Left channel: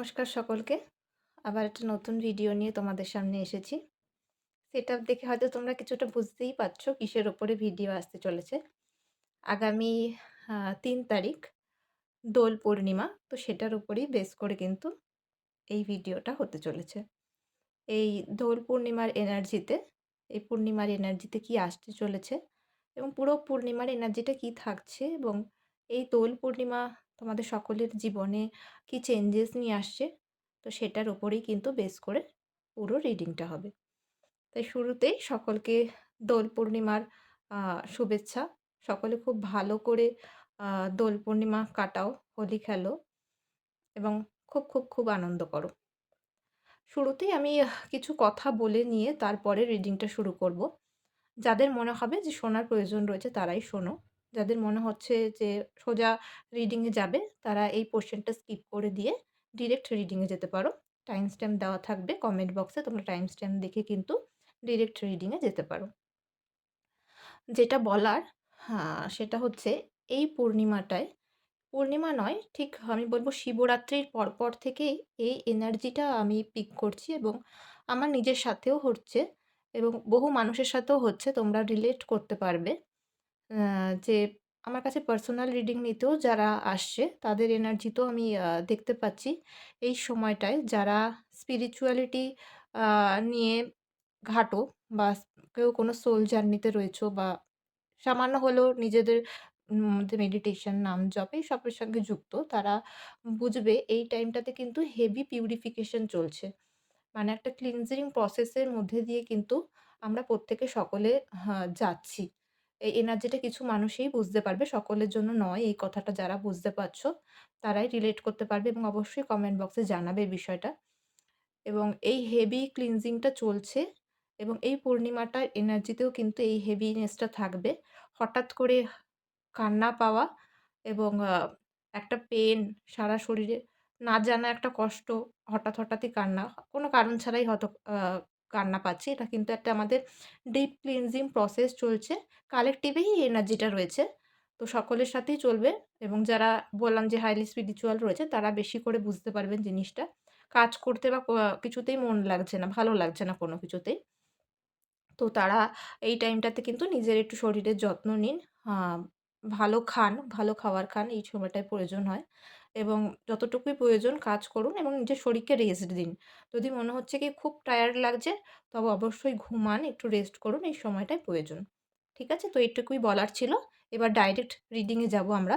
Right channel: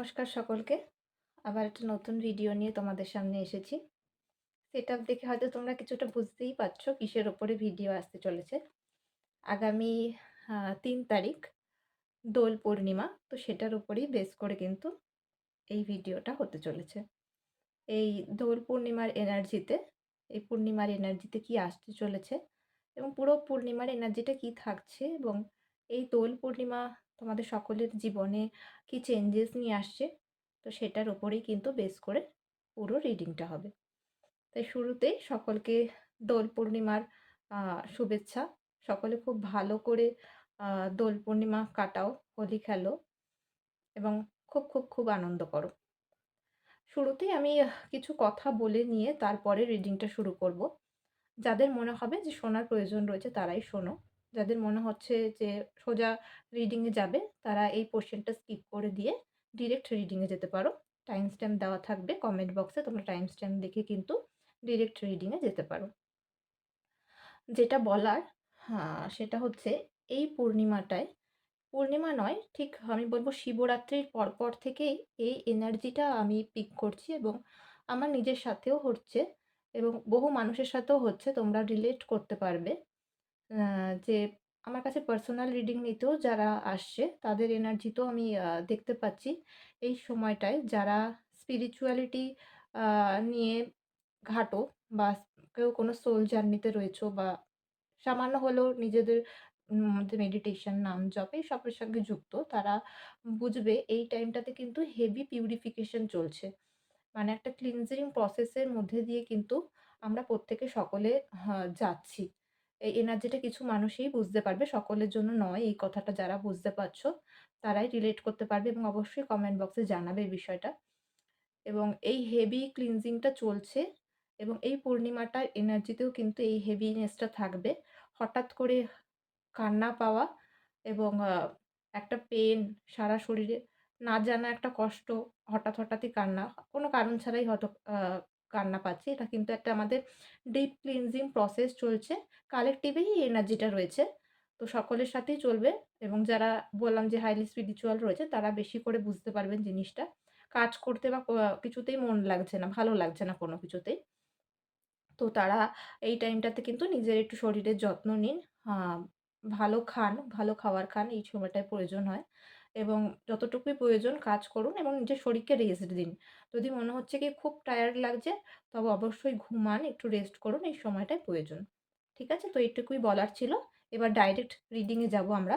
নমস্কার সকলকে। আবার একটা নতুন ভিডিও নিয়ে তোমাদের সামনে এসেছি। সেটআপ দেখে হয়তো তোমরা কিছুটা বুঝতেই পারছো কিসের ওপরে ভিডিও আসতে চলেছে। আগামী ৩ তারিখ দোল পূর্ণিমা। তো সেটার উপরেই বেস করে কিন্তু এই ভিডিওটা হতে চলেছে। এই দোল পূর্ণিমার এনার্জিতে এই পূর্ণিমার এনার্জিতে কি আসতে চলেছে এবং পুরো পূর্ণিমার এনার্জিটা কি থাকছে এবং এই দোল পূর্ণিমা তোমাদের সকলের জীবনে কি চেঞ্জেস নিয়ে আসছে, তো সেটার উপরেই কিন্তু বেস করে পুরো রিডিংটা হবে। তাই শুরুতেই সকলকে দোল পূর্ণিমার শুভেচ্ছা। সকলে খুব ভালো করে দোল পূর্ণিমা কাটাও, হোলি খেলো এবং খুব আনন্দ করো। শুরুতেই আমি কিছু কথা বলে নিয়ে তারপরে রিডিংটা শুরু করব। যাদের মনে হবে যে শোনার প্রয়োজন রয়েছে তারাই শোনো। যাদের মনে হচ্ছে যে সোজা রিডিংয়ে যাবে তারা এই পোরশনটা স্কিপ করে দিয়ে ডিরেক্ট রিডিংয়ে যেতে পারো। টাইম স্ট্যাম্প দেওয়া থাকবে কমেন্ট বক্সে, তোমরা টাইম স্ট্যাম্প দেখে কিন্তু ডিরেক্ট রিডিংয়ে যেতে পারো। যেটা বলার সেটা হচ্ছে এই পূর্ণিমাটায়, পূর্ণিমা নয় ঠিক আমি বলব শিবরাত্রির পরপর থেকেই এই এনার্জিটা আমি পিক করছি এবং আমার নিজের সাথেও হচ্ছে এবং বহু মানুষের সাথেও হচ্ছে। তোমরা রিলেট করতে পারবে যে আমার কাছে পার্সোনাল রিডিং নিতেও যারা আসছে তাদের এনার্জিতেও আমি দেখতে পাচ্ছি এই সময়টায় যারা স্পিরিচুয়ালিটি নিয়ে ঘাঁটো বা কেউ কোনো সোল জার্নিতে রয়েছো বা সামান্য হলেও নিজেদের মধ্যে মেডিটেশন, নাম জপ এইসবের সঙ্গে যুক্ত, তারা বুঝবে এই টাইমটাতে কিন্তু হেভি পিউরিফিকেশন চলছে। মানে একটা ক্লিনজিং প্রসেসের মধ্যে দিয়ে কিন্তু আমরা প্রত্যেকে সকলে যাচ্ছি। এই এনার্জিটা কিছু মানুষই বুঝতে পারবে, সকলের জন্য নয়। এই কথাটা যারা বুঝতে পারছো তারাই রিলেট করতে পারবে এবং অবশ্যই কমেন্ট বক্সে জানাবে এই বিষয়টা। এবং এই হেভি ক্লিনজিংটা চলছে এবং এই পূর্ণিমাটার এনার্জিতেও কিন্তু এই হেভিনেসটা থাকবে। হঠাৎ করে কান্না পাওয়া এবং একটা পেন সারা শরীরে, না জানা একটা কষ্ট, হঠাৎই কান্না, কোনো কারণ ছাড়াই হয়তো আ কান্না পাচ্ছি। এটা কিন্তু একটা আমাদের ডিপ ক্লিনজিং প্রসেস চলছে। কালেক্টিভেই এই এনার্জিটা রয়েছে। তো সকলের সাথেই চলবে এবং যারা বললাম যে হাইলি স্পিরিচুয়াল রয়েছে তারা বেশি করে বুঝতে পারবেন জিনিসটা। কাজ করতে বা কিছুতেই মন লাগছে না, ভালো লাগছে না কোনো কিছুতেই। তো তারা এই টাইমটাতে কিন্তু নিজের একটু শরীরের যত্ন নিন। আ ভালো খান, ভালো খাবার খান, এই সময়টায় প্রয়োজন হয় এবং যতটুকুই প্রয়োজন কাজ করুন এবং নিজের শরীরকে রেস্ট দিন। যদি মনে হচ্ছে কি খুব টায়ার্ড লাগছে, তবে অবশ্যই ঘুমান, একটু রেস্ট করুন, এই সময়টাই প্রয়োজন। ঠিক আছে? তো এইটুকুই বলার ছিল। এবার ডাইরেক্ট রিডিং এ যাবো আমরা।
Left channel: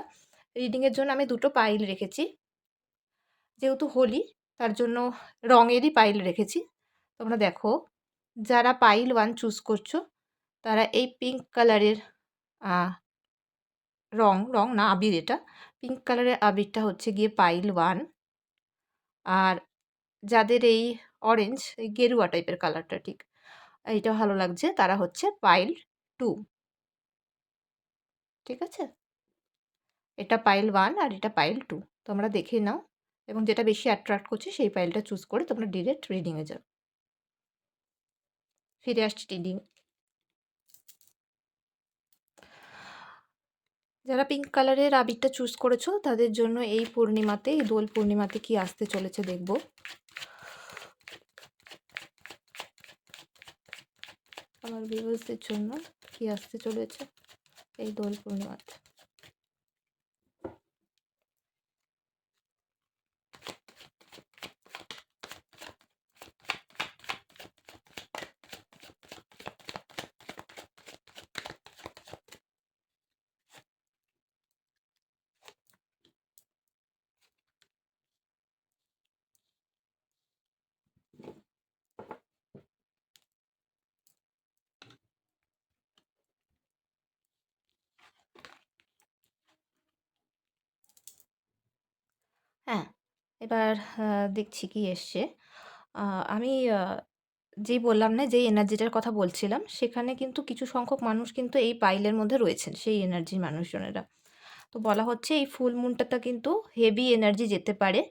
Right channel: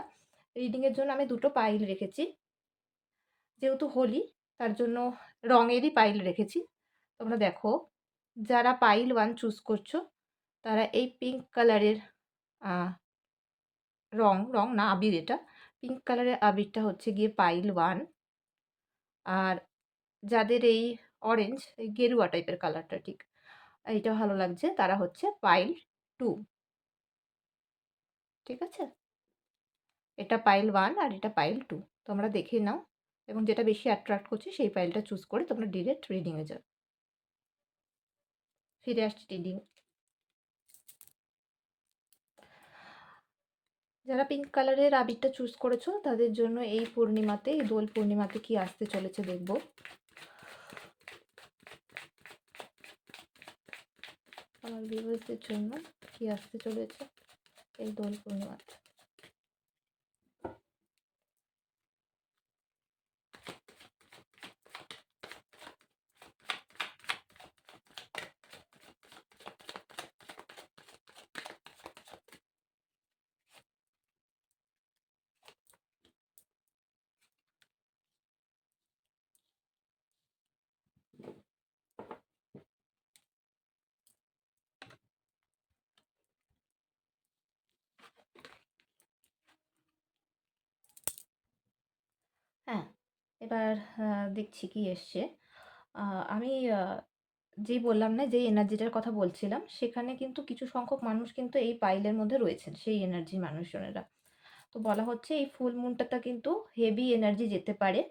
রিডিং এর জন্য আমি ২ টো পাইল রেখেছি। যেহেতু হোলি তার জন্য রঙেরই পাইল রেখেছি। তোমরা দেখো, যারা পাইল 1 চুজ করছো তারা এই পিঙ্ক কালারের আ রং না আবির এটা। পিঙ্ক কালারের আবিরটা হচ্ছে গিয়ে পাইল 1। আর যাদের এই অরেঞ্জ, এই গেরুয়া টাইপের কালারটা ঠিক, এইটা ভালো লাগছে তারা হচ্ছে পাইল 2। ঠিক আছে? এটা পাইল 1 আর এটা পাইল 2। তোমরা দেখে নাও এবং যেটা বেশি অ্যাট্রাক্ট করছে সেই পাইলটা চুজ করে তোমরা ডিরেক্ট রিডিং এ যাও। ফিরে আসছি রিডিং। যারা পিঙ্ক কালারের আবিরটা চুজ করেছো তাদের জন্য এই পূর্ণিমাতে, এই দোল পূর্ণিমাতে কি আসতে চলেছে দেখব। আমার ভিউয়ার্সদের জন্য কি আসতে চলেছে এই দোল পূর্ণিমাতে। হ্যাঁ, এবার দেখছি কি এসছে। আ আমি যেই বললাম না, যেই এনার্জিটার কথা বলছিলাম, সেখানে কিন্তু কিছু সংখ্যক মানুষ কিন্তু এই পাইলের মধ্যে রয়েছেন, সেই এনার্জির মানুষজনেরা। তো বলা হচ্ছে এই ফুল মুনটাতে কিন্তু হেভি এনার্জি যেতে পারে।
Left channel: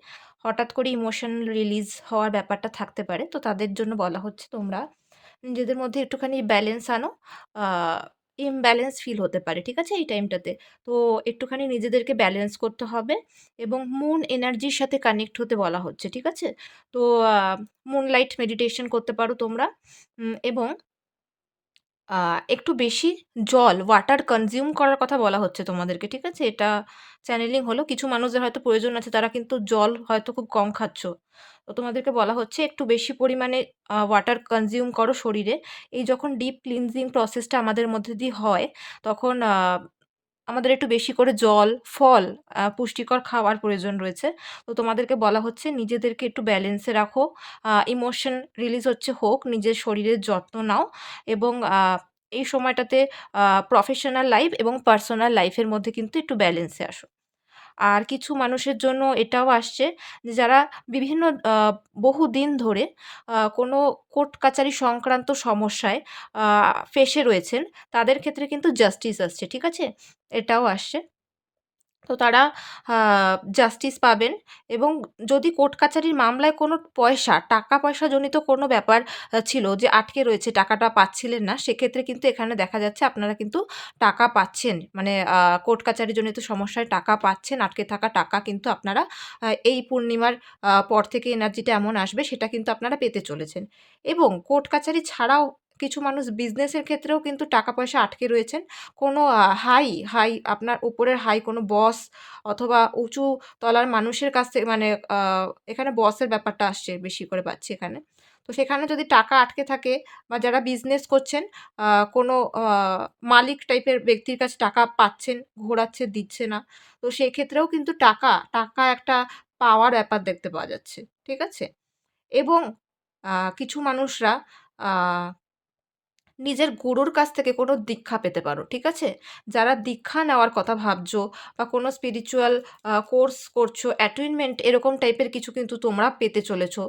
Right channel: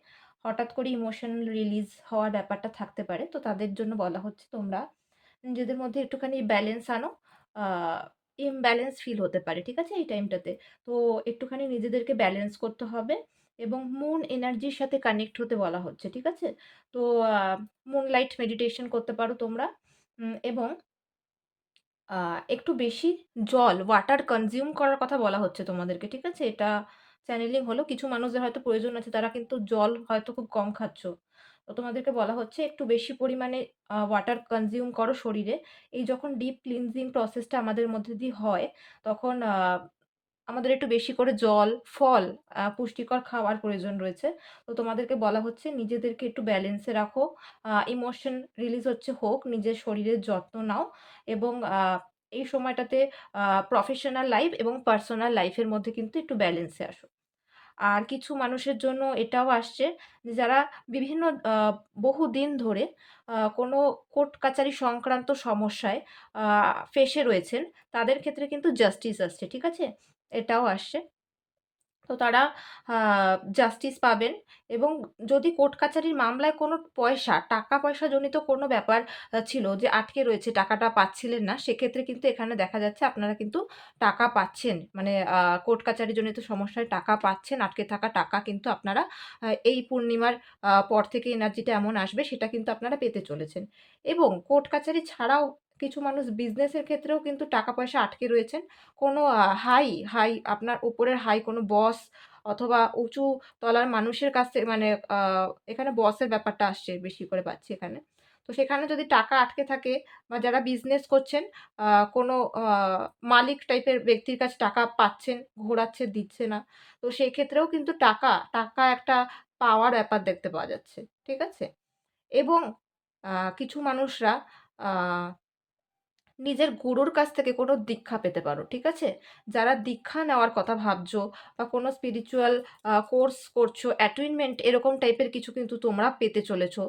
হঠাৎ করে ইমোশন রিলিজ হওয়ার ব্যাপারটা থাকতে পারে। তো তাদের জন্য বলা হচ্ছে তোমরা নিজেদের মধ্যে একটুখানি ব্যালেন্স আনো। আ ইমব্যালেন্স ফিল হতে পারে। ঠিক আছে? এই টাইমটাতে। তো একটুখানি নিজেদেরকে ব্যালেন্স করতে হবে এবং মুন এনার্জির সাথে কানেক্ট হতে বলা হচ্ছে। ঠিক আছে? তো আ মুনলাইট মেডিটেশন করতে পারো তোমরা। এবং আ একটু বেশি জল, ওয়াটার কনজিউম করার কথা বলা হচ্ছে তোমাদেরকে। ঠিক আছে? এটা চ্যানেলিং হলো। কিছু মানুষদের হয়তো প্রয়োজন আছে তারা কিন্তু জল হয়তো খুব কম খাচ্ছ। তো তোমাদেরকে বলা হচ্ছে একটু বেশি পরিমাণে ওয়াটার কনজিউম করো শরীরে। এই যখন ডিপ ক্লিনজিং প্রসেসটা আমাদের মধ্যে দিয়ে হয়, তখন আমাদের একটু বেশি করে জল, ফল, পুষ্টিকর খাওয়ার প্রয়োজন রয়েছে। তো তোমাদেরকে বলা হচ্ছে নিজেদেরকে একটু ব্যালেন্সে রাখো। ইমোশন রিলিজ হোক, নিজের শরীরের যত্ন নাও এবং এই সময়টাতে আ প্রফেশনাল লাইফ এবং পার্সোনাল লাইফের মধ্যে কিন্তু একটু ব্যালেন্সে আসো। আর কিছু মানুষের জন্য এটাও আসছে যে যারা বিভিন্ন বহুদিন ধরে কোনো কোর্ট কাচারি সংক্রান্ত সমস্যায় আ ফেঁসে রয়েছেন, তাদের ক্ষেত্রে কিন্তু জাস্টিস আসছে। ঠিক আছে? এটাও আসছে। তো তারা আ জাস্টিস পাবেন এবং যদি কোর্ট কাচারির মামলায় কোনো টাকা-পয়সা জনিত কোনো ব্যাপার ছিল যে আটকে রয়েছে, টাকাটা পাচ্ছিলেন না, সেক্ষেত্রে কিন্তু এখানে দেখা যাচ্ছে আপনারা কিন্তু টাকা পাচ্ছেন। মানে কোর্ট কাচারি জনিত সমস্যায় টাকা পাচ্ছেন, আটকে থাকা টাকা কিন্তু আপনারা এই পূর্ণিমার পর থেকে এনার্জিটা এমন আসবে সেটা কিন্তু আপনারা পেতে চলেছেন। এবং কোর্ট কাচারি ছাড়াও কিছু মানুষ বিজনেসের ক্ষেত্রেও কিন্তু টাকা-পয়সা আটকে রয়েছেন। কোনো হাই আপনার উপরের কোনো বস অথবা উঁচু তলার মানুষের কাছ থেকে মানে আ এখানে বসের ব্যাপারটা আসছে বেশি করে পাচ্ছি এখানে। তো সেখানে যদি টাকা আটকে থাকে বা যারা বিজনেস করছেন আ কোনো মালিক টাইপের ব্যক্তির কাছে টাকা পাচ্ছেন, ঘোরাচ্ছে, দিচ্ছে না। তো সেক্ষেত্রেও কিন্তু টাকা একটা পাওয়ার ব্যাপার দেখতে পাওয়া যাচ্ছে। ঠিক আছে? এবং কিছু মানুষরা আ নিজের গুরুর কাছ থেকে কোনো দীক্ষা পেতে পারো। ঠিক আছে? যারা দীক্ষা নেওয়ার কথা ভাবছো বা কোনো স্পিরিচুয়াল কোর্স করছো, অ্যাটেইনমেন্ট এরকম টাইপের কিছু কিন্তু তোমরা পেতে চলেছো।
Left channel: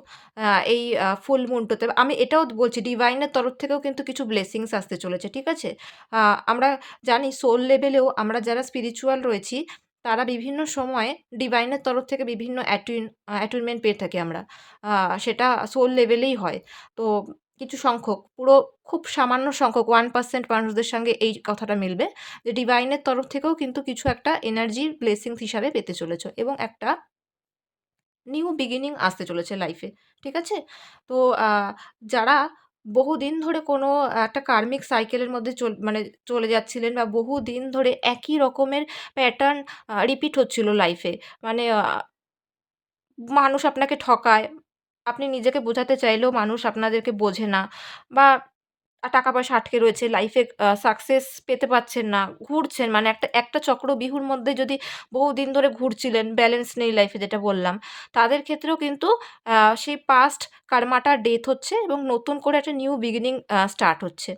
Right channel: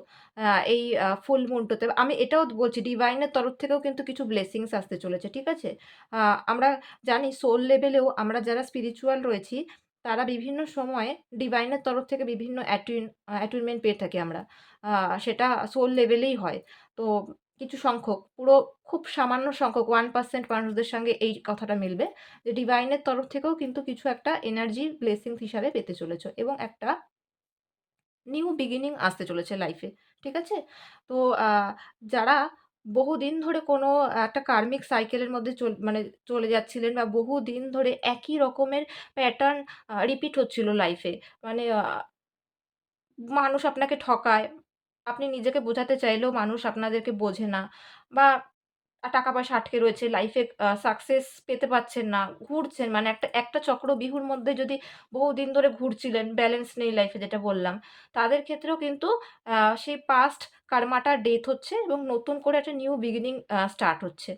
এই ফুল মুনটাতে। আমি এটাও বলছি ডিভাইন এর তরফ থেকেও কিন্তু কিছু ব্লেসিংস আসতে চলেছে। ঠিক আছে? আ আমরা জানি সোল লেভেলেও আমরা যারা স্পিরিচুয়াল রয়েছি, তারা বিভিন্ন সময়ে ডিভাইন এর তরফ থেকে বিভিন্ন অ্যাটেইনমেন্ট পেয়ে থাকি আমরা। আ সেটা সোল লেভেলেই হয়। তো কিছু সংখ্যক পুরো খুব সামান্য সংখ্যক 1% মানুষদের সঙ্গে এই কথাটা মিলবে যে ডিভাইনের তরফ থেকেও কিন্তু কিছু একটা এনার্জি ব্লেসিংস হিসাবে পেতে চলেছ এবং একটা নিউ বিগিনিং আসতে চলেছে লাইফে। ঠিক আছে? তো আ যারা বহুদিন ধরে কোনো একটা কার্মিক সাইকেলের মধ্যে মানে চলে যাচ্ছিলেন বা বহুদিন ধরে একই রকমের প্যাটার্ন রিপিট হচ্ছিল লাইফে। মানে মানুষ আপনাকে ঠকায়। আপনি নিজেকে বোঝাতে চাইলেও মানুষ আপনাদেরকে বোঝে না বা টাকা-পয়সা আটকে রয়েছে, লাইফে সাকসেস পেতে পারছেন না, ঘুরছেন মানে একটা একটা চক্রবিহুর মধ্যে যদি বহুদিন ধরে ঘুরছিলেন, ব্যালেন্স নেই লাইফে যেটা বললাম, তাদের ক্ষেত্রেও কিন্তু আ সেই পাস্ট কার্মাটা ডেথ হচ্ছে এবং নতুন করে একটা নিউ বিগিনিং স্টার্ট হচ্ছে।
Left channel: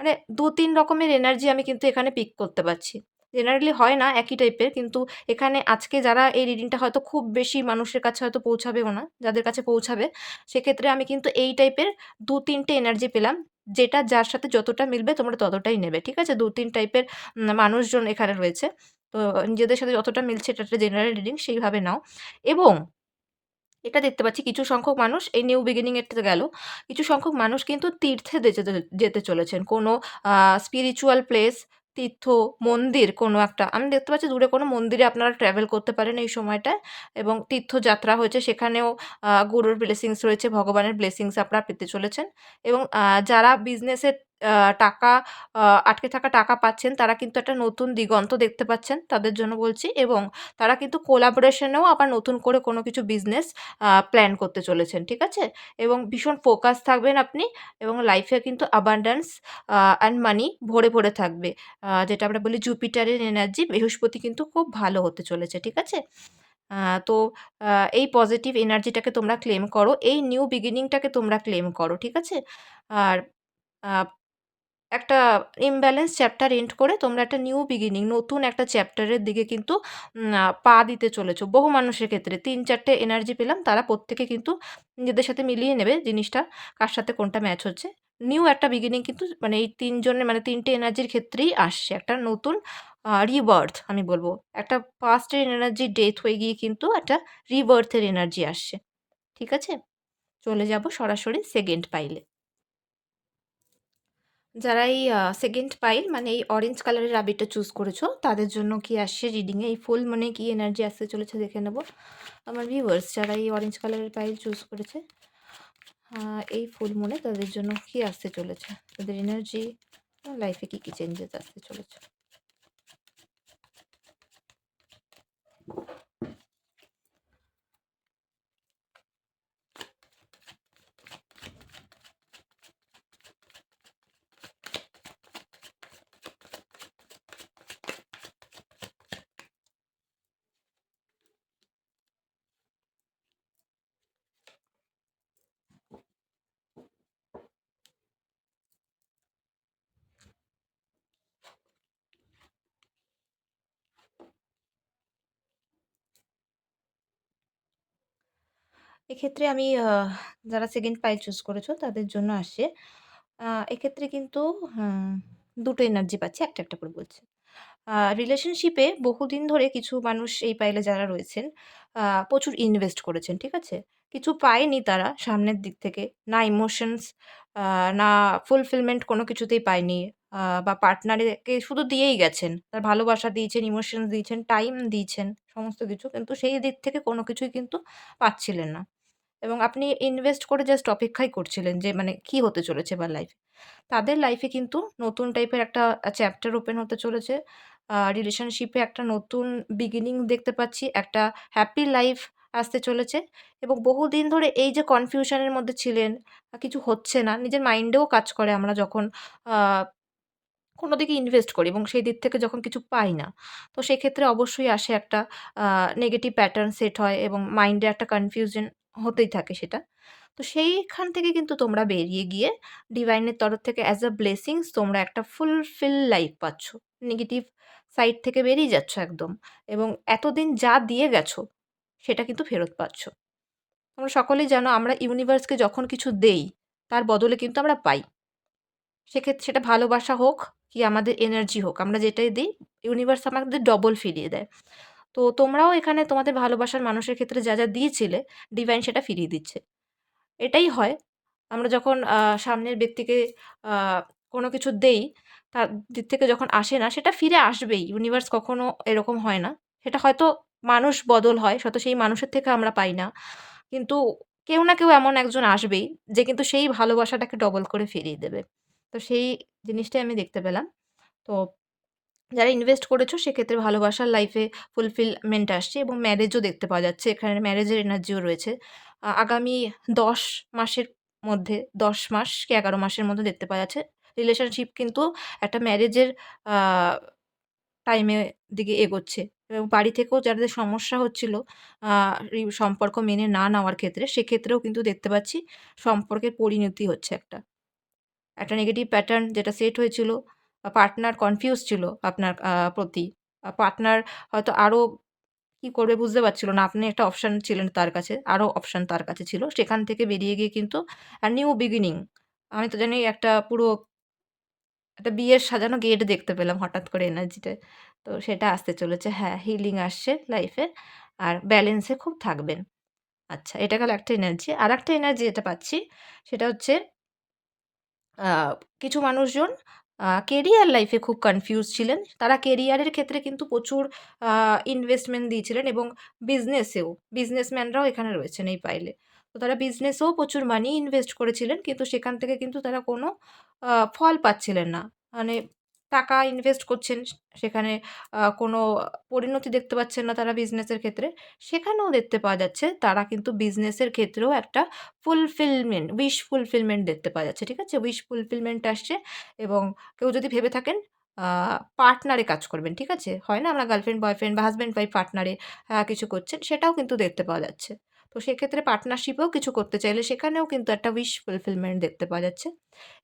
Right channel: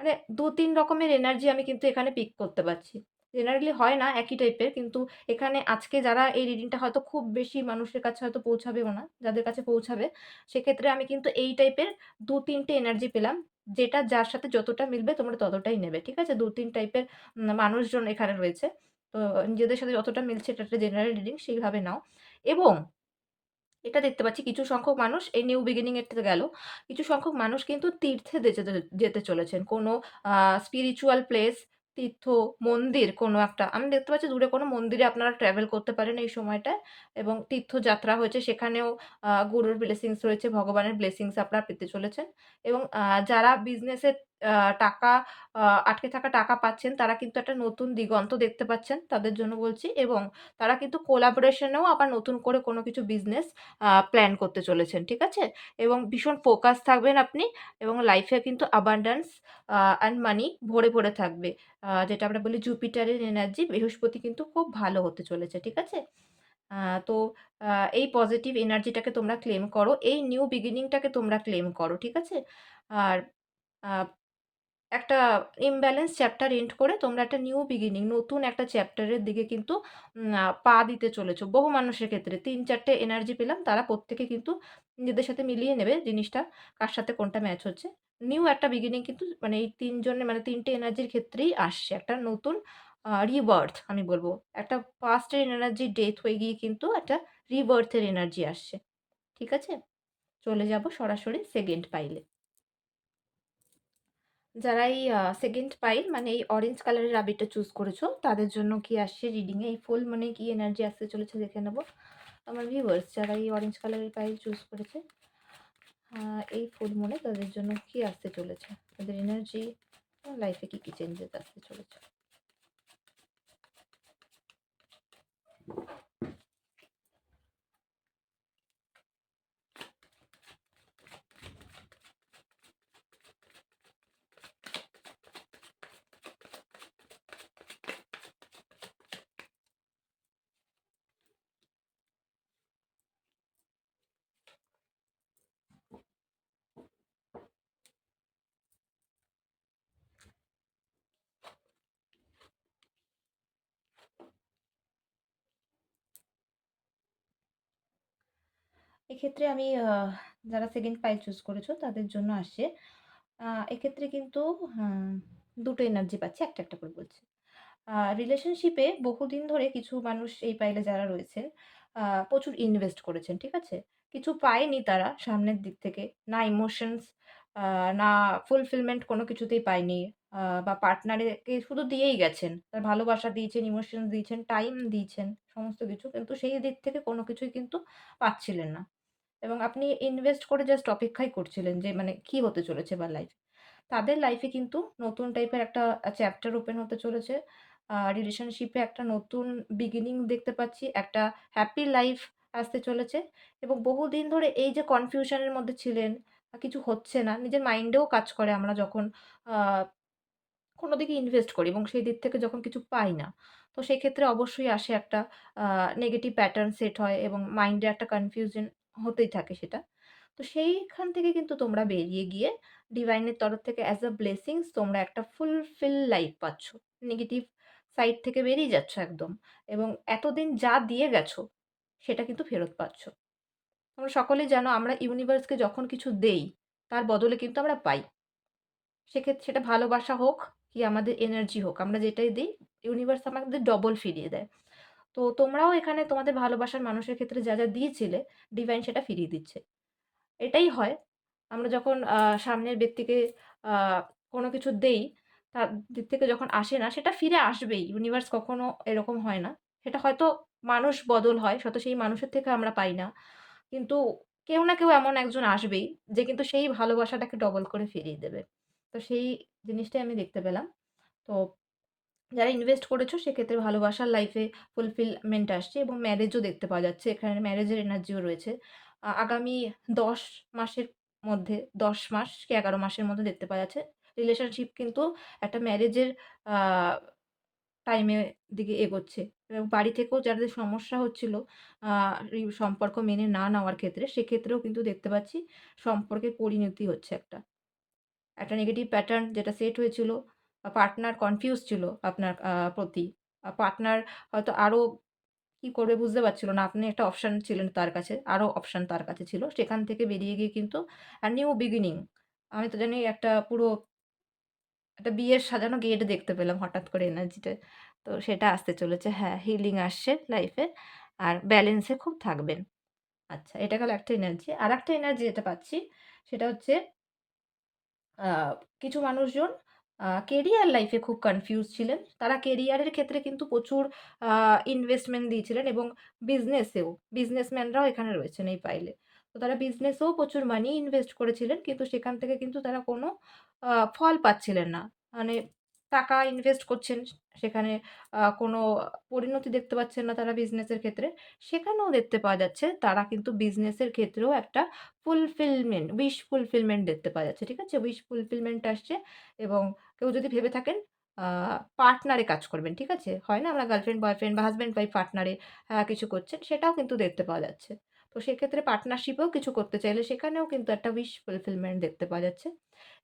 মানে ২-৩ রকমের এনার্জি আমি কিন্তু এখানে পিক করতে পারছি। জেনারেলি হয় না একই টাইপের কিন্তু এখানে আজকে যারা এই রিডিংটা হয়তো খুব বেশি মানুষের কাছে হয়তো পৌঁছাবেও না। যাদের কাছে পৌঁছাবে সেক্ষেত্রে আমি কিন্তু এই টাইপের ২-৩ টে এনার্জি পেলাম। যেটা যার সাথে যতটা মিলবে তোমরা ততটাই নেবে। ঠিক আছে? ২-৩ টাইপের মানুষজন এখানে রয়েছে। তো নিজেদের সাথে যতটা মিলছে এটা একটা জেনারেল রিডিং সেইভাবে নাও এবং এটা দেখতে পাচ্ছি কিছু সংখ্যক মানুষ এই নিউ বিগিনিং এরটাতে গেল। কিছু সংখ্যক মানুষ কিন্তু তীর্থে যেতে চলেছেন। কোনো আ স্পিরিচুয়াল প্লেস, তীর্থ, মন্দির কোনো একটা। আমি দেখতে পাচ্ছি দূরে কোনো মন্দিরে আপনারা ট্রাভেল করতে পারেন এই সময়টায় এবং তীর্থযাত্রা হয়েছে সেখানেও গুরুর ব্লেসিংস রয়েছে, ভগবানের ব্লেসিংস আপনারা পেতে চলেছেন এবং যারা বিজনেসে আ টাকা আ আটকে থাকা টাকা পাচ্ছেন তারা কিন্তু একটা নতুন দিগন্ত দেখতে পাচ্ছেন তাদের জন্য বলছি এবং তারা কিন্তু কোলাবোরেশন এও আবার নতুন করে কোনো কিছু বিজনেস প্ল্যান করতে চলেছেন। ঠিক আছে? এবং ভীষণ ফোকাস থাকবেন আপনি এবং লাইফে কিন্তু abundance অ্যান্ড মানি ভরে থাকবে। যেটা আমরা বলি জুপিটারের এনার্জি বৃহস্পতি কিন্তু খুব ভালো হতে চলেছে। ঠিক আছে? আ তো আ এই পজিটিভ এনার্জিটাকে তোমরা ক্লেম করো। এই নিউ বিগিনিং টাকে তোমরা ক্লেম করো। ঠিক আছে? আর আ একটা ইমব্যালেন্স চ্যাপ্টার এন্ড করে তোমরা একটা নিউ বিগিনিং নতুন একটা চ্যাপ্টারের দিকে কিন্তু পা দিতে চলেছো। বহু মানুষের ক্ষেত্রে ৩-৪ টে এনার্জি পেলাম। তারা প্রত্যেকে কিন্তু নিজেদের সাথে মিলিয়ে নেবে জিনিসটা, কার সাথে কোনটা ম্যাচ হচ্ছে। নিউ একটা বিগিনিং কিন্তু মানে এই ৩ জনের মানে ৩ টে এনার্জির ক্ষেত্রেই আসছে। একটা নতুন রিবার্থ আমি বলব। একটা পাস্ট এর এনার্জি ডেথ হয়ে গিয়ে কিন্তু একটা রিবার্থ এর এনার্জি আসছে। ঠিক আছে? চলে যাব সরাসরি 2nd পাইলে। যারা এই 2nd পাইল মানে এই অরেঞ্জ কালারের রাবিটটা চুজ করেছো, তাদের জন্য কি আসছে রিডিংয়ে? এই ফুল মনে কি এনার্জি আসতে চলেছে দেখে নেব। আমার ভিউয়ার্স যারা এই অরেঞ্জ কালারের পাইল চুজ করেছে, এই ফুল মনে তাদের জন্য কি আসতে চলেছে? তাদের এনার্জি, লাইফে কি চেঞ্জেস আসতে চলেছে? এক্ষেত্রে আমি যারা 2nd পাইল চুজ করেছো তাদের জন্য আসছে। এক্ষেত্রে কিন্তু হুম ২ টো এনার্জি পাচ্ছি, একটা করে বলছি। রিলেশনশিপে বহুদিন ধরে কিছু মানুষ এই পাইলে যারা রয়েছেন, প্রচুর ইনভেস্ট করেছেন, ঠিক আছে? কিছু পায়নি তারা সামনের দিক থেকে। না ইমোশনস, আ না ফুলফিলমেন্ট কোনো কিছুতেই পায়নি। বা পার্টনারকে শুধু দিয়েই গেছেন। তার ভালোবাসা দিয়েছেন, ইমোশনস দিয়েছেন, টাইম দিয়েছেন, সমস্ত কিছু। কিন্তু সেই দিক থেকে কোনো কিছুই কিন্তু পাচ্ছিলেন না। এবং আপনি ইনভেস্ট করে জাস্ট অপেক্ষাই করছিলেন যে মানে কি হতে চলেছে এবার লাইফে। তাদের লাইফে কিন্তু নতুন টাইপের একটা চ্যাপ্টার ওপেন হতে চলেছে। রিলেশনশিপে একটা নতুন বিগিনিং দেখতে পাচ্ছি। একটা হ্যাপি লাইফ আসতে চলেছে এবং বহুদিন ধরে এই যে কনফিউশন এর মধ্যে ছিলেন, কিছু হচ্ছে না। নিজের মাইন্ডেও কাজ করে আমরা যখন আ কোনো দিকে ইনভেস্ট করি এবং সেই দিক থেকে যখন কিছু পাই না, তো সেক্ষেত্রে অবশ্যই আসে একটা আ নেগেটিভ প্যাটার্ন সেট হয় এবং মাইন্ডে একটা কনফিউশন হতেই থাকে সেটা। তো সেইখান থেকে কিন্তু তোমরা বেরিয়ে গিয়ে ডিভাইনের তরফ থেকে অ্যাজ আ ব্লেসিংস তোমরা একটা ফুলফিল লাইফ পাচ্ছ। নেগেটিভ সাইড থেকে বেরিয়ে যাচ্ছ একদম এবং এতদিন যা দিয়ে গেছো, সেটা কিন্তু ফেরত পাচ্ছ। তোমরা সকলেই জানো আমরা ইউনিভার্সকে যখন কিছু দেই, তার বদলে কিন্তু আমরা পাই। সেক্ষেত্রে সেটা ভালোবাসা হোক কি আমাদের এনার্জি হোক, আমরা যেটাই দিই ইউনিভার্স আমাদের ডবল ফিরিয়ে দেয়। তো তোমরাও এখানে তোমাদের ভালোবাসার মানুষের ক্ষেত্রে যা দিয়েছিলে, ডিভাইন সেটা ফিরিয়ে দিচ্ছে। এটাই হয়। আমরা যখন সামনের ব্যক্তিকে আ কোনো কিছু দেই, তার দিক থেকে যখন আসে না, সেটা ফিরে আসবেই। ইউনিভার্স কখনো এরকম হয় না। সেটা হয়তো মানুষ বদল হয়, হয়তো সেই মানুষের থেকে আমরা পাই না। কিন্তু কেউ না কেউ এমন একজন আসবেই, যে কিন্তু সেই ভালোবাসাটাকে ডবল করে ফিরিয়ে দেবে। তো সেই জিনিসটাই আমি দেখতে পেলাম। তো যারা ইনভেস্ট করেছো সেক্ষেত্রে ভালোবাসার লাইফে ফুলফিলমেন্ট আসছে এবং ম্যারেজও দেখতে পাওয়া যাচ্ছে। এখানে ম্যারেজের এনার্জিও রয়েছে। আগামী ১০ মাসের মধ্যে ১০ মাস কি ১১ মাসের মধ্যে দেখতে পাওয়া যাচ্ছে। রিলেশনশিপ কিন্তু একটা ম্যারেজের আ টাইমের দিকে এগোচ্ছে এবং বাড়ি থেকেও যাদের সমস্যা হচ্ছিল আ সম্পর্ক মেনে না নেওয়ার ক্ষেত্রে, সেক্ষেত্রেও কিন্তু দেখতে পাচ্ছি সম্পর্কের পরিণতি হচ্ছে একটা। একটা নেগেটিভ প্যাটার্ন যেটা সেট হয়েছিল, পার্টনার কনফিউজ ছিল আপনার প্রতি। পার্টনার হয়তো আরো কি করবে বুঝতে পারছিল না। আপনি একটা অপশন ছিলেন তার কাছে, আরো অপশন তার কাছে ছিল। সেখান থেকে বেরিয়ে গিয়ে কিন্তু নিউ বিগিনিং, আমি তো জানি একটা পুরো একটা বিয়ের সাজানো গেট দেখতে পেলাম হঠাৎ করে এনার্জিতে। তো সেটা আসতে চলেছে। হ্যাঁ, হিলিং আসছে লাইফে আর ব্যালেন্সে খুব থাকবেন। আচ্ছা, এটা গেল একটা এনার্জি। আরেকটা এনার্জি যেটা পাচ্ছি সেটা হচ্ছে আ কিছু মানুষজন কেরিয়ার লাইফ এ খুব কনফিউজ ছিলেন। তারা কেরিয়ারের ক্ষেত্রে কিন্তু প্রচুর আ ইনভেস্টমেন্ট দিয়েছিলেন এবং বিজনেসেও, বিজনেসম্যানরাও এখানে রয়েছেন এই পাইলে। তো তারা বিজনেসেও প্রচুর মানি ইনভেস্ট করেছিলেন। কিন্তু সেখান থেকে কিন্তু তারা কোনো ফল পাচ্ছিলেন না। মানে টাকা ইনভেস্ট করছেন, সেখানে কোনো পরিণতি দেখতে পাচ্ছেন না তারা বিজনেসের ক্ষেত্রে। সেখানেও দেখতে পাওয়া যাচ্ছে তারা কিন্তু বিজনেসের ক্ষেত্রেও একটা ফুলফিলমেন্ট, উইশ ফুলফিলমেন্ট দেখতে পাওয়া যাচ্ছে। ঠিক আছে? উইশ ফুলফিলমেন্ট আসছে এবং কেউ যদি ভেবে থাকেন আ পার্টনারে কাজ করবেন। ঠিক আছে? হয় না আমরা গার্লফ্রেন্ড, বয়ফ্রেন্ড বা হাসব্যান্ড ওয়াইফ পার্টনারে কিছু করছেন, সেটাও কিন্তু দেখতে পাওয়া যাচ্ছে। তো সেক্ষেত্রে পার্টনারশিপেও কিছু করতে চাইলে সেখানেও কিন্তু একটা উইশ ফুলফিলমেন্ট দেখতে পাওয়া যাচ্ছে।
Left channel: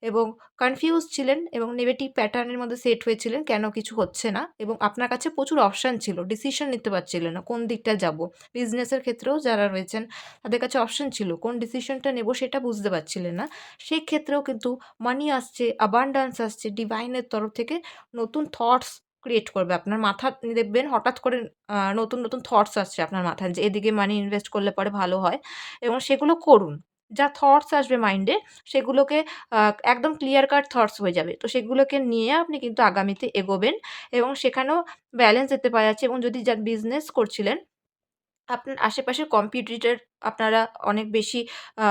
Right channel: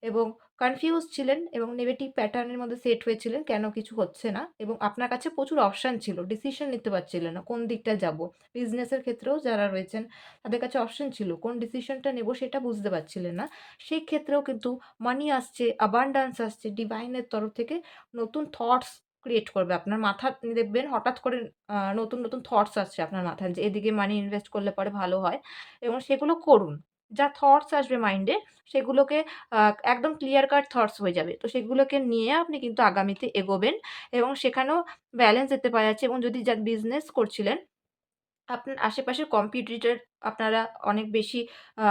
এবং কনফিউজ ছিলেন এবং নেগেটিভ প্যাটার্ন এর মধ্যে সেট হয়েছিলেন কেন কিছু হচ্ছে না এবং আপনার কাছে প্রচুর অপশন ছিল। ডিসিশন নিতে পারছিলেন না কোন দিকটায় যাব। বিজনেসের ক্ষেত্রেও যারা রয়েছেন তাদের কাছে অপশন ছিল। কোন ডিসিশনটা নেব সেটা বুঝতে পারছিলেন না। সেক্ষেত্রেও কিন্তু মানি আসছে, অ্যাবান্ডেন্স আসছে, ডিভাইনের তরফ থেকে নতুন থটস ক্রিয়েট করবে। আপনার মাথা দেখবেন হঠাৎ করে নতুন থটস আসছে আপনার মাথায় যে এদিকে মানি ইনভেস্ট করলে পরে ভালো হয় এবং সেগুলো করুন। যা থটস আসবে মাইন্ডে সেগুলোকে আ একদম ক্লিয়ার কাট থটস হয়ে যাবে। তো সেগুলোকে নিয়ে আপনি কিন্তু আগামীতে এগোবেন এবং সেখানেও ব্যালেন্স দেখতে পাওয়া যাচ্ছে এবং যদি বিজনেস করছিলেন আপনার আশেপাশের কম্পিটিটর আপনারা অনেক বেশি আ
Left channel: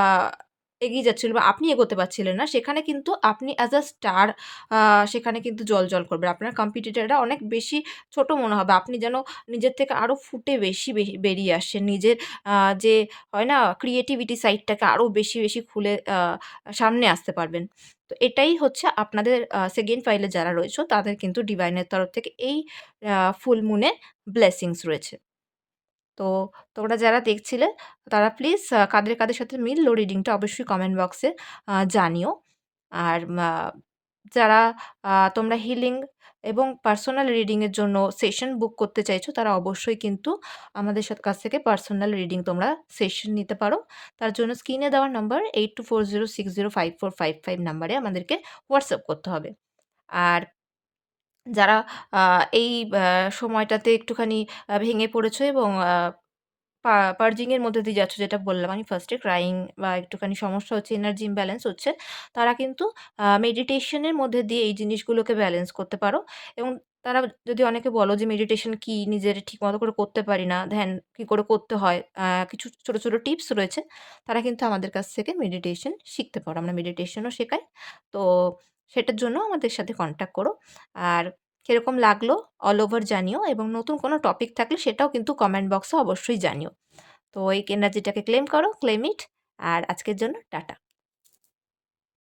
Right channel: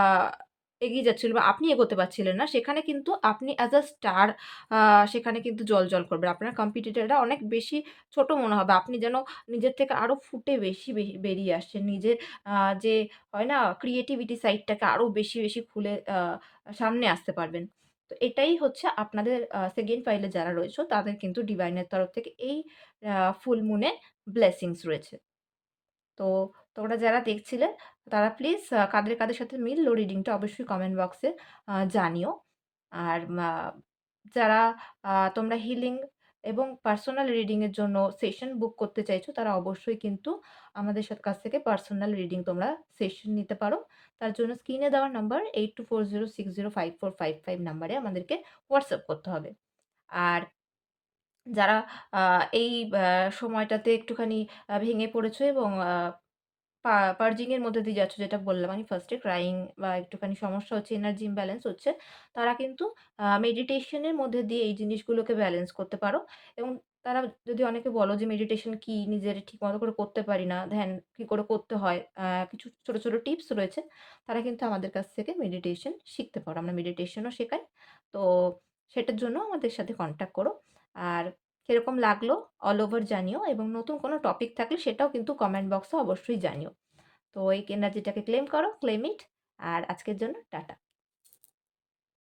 এগিয়ে যাচ্ছিল বা আপনি এগোতে পারছিলেন না। সেখানে কিন্তু আপনি অ্যাজ আ স্টার আ সেখানে কিন্তু জ্বলজ্বল করবে। আপনার কম্পিটিটররা অনেক বেশি ছোট মনে হবে। আপনি যেন নিজের থেকে আরো ফুটে বেরিয়ে আসছেন। নিজের আ যে হয় না ক্রিয়েটিভিটি সাইডটাকে আরো বেশি খুলে সামনে আসতে পারবেন। তো এটাই হচ্ছে আপনাদের 2nd পাইলে যারা রয়েছে তাদের কিন্তু ডিভাইনের তরফ থেকে এই ফুল মুনে ব্লেসিংস রয়েছে। তো তোমরা যারা দেখছিলে তারা প্লিজ কাদের সাথে মিলল রিডিংটা অবশ্যই কমেন্ট বক্সে জানিও। আর যারা তোমরা হিলিং এবং পার্সোনাল রিডিং এর জন্য সেশন বুক করতে চাইছো তারা অবশ্যই কিন্তু আমাদের কাছ থেকে পার্সোনাল রিডিং তোমরা সেশন নিতে পারো। তার জন্য স্ক্রিনে দেওয়া নাম্বার 8240605455 নাম্বারে আমাদেরকে হোয়াটসঅ্যাপ করতে হবে। আর যারা আ এই সময়টাতে একটুখানি ভেঙে পড়েছো এবং পার্জিং এর মধ্যে দিয়ে যাচ্ছ যেটা বললাম আমি ফার্স্ট এ ক্রাইং বা একটুখানি সমস্যা হচ্ছে, এনার্জি ইমব্যালেন্স হচ্ছে, তারা কিন্তু মেডিটেশন এর মধ্যে দিয়ে এই জিনিসগুলোকে ব্যালেন্স করতে পারো এবং তারা যদি অনেকে বলো যে মেডিটেশন কি? নিজের ঠিকমতো করে করতে পারি না, ধ্যান কি করে করতে হয়? কিছু ছোট টিপস রয়েছে। তারা কিন্তু আমাদের কাছ থেকে মেডিটেশন শিখতে পারো। আমরা মেডিটেশনও শেখাই। তো সেটার জন্য আমাদের সাথে কনট্যাক্ট করো। আর কিরকম লাগলো অল ওভার জানিও এবং নতুন কোনো টপিক থাকলে সেটাও কিন্তু কমেন্ট বক্সে অবশ্যই জানিও। তো এই এনার্জিটাকে ক্লেম করো, ক্লেম ইট। আর আজকের জন্য টাটা।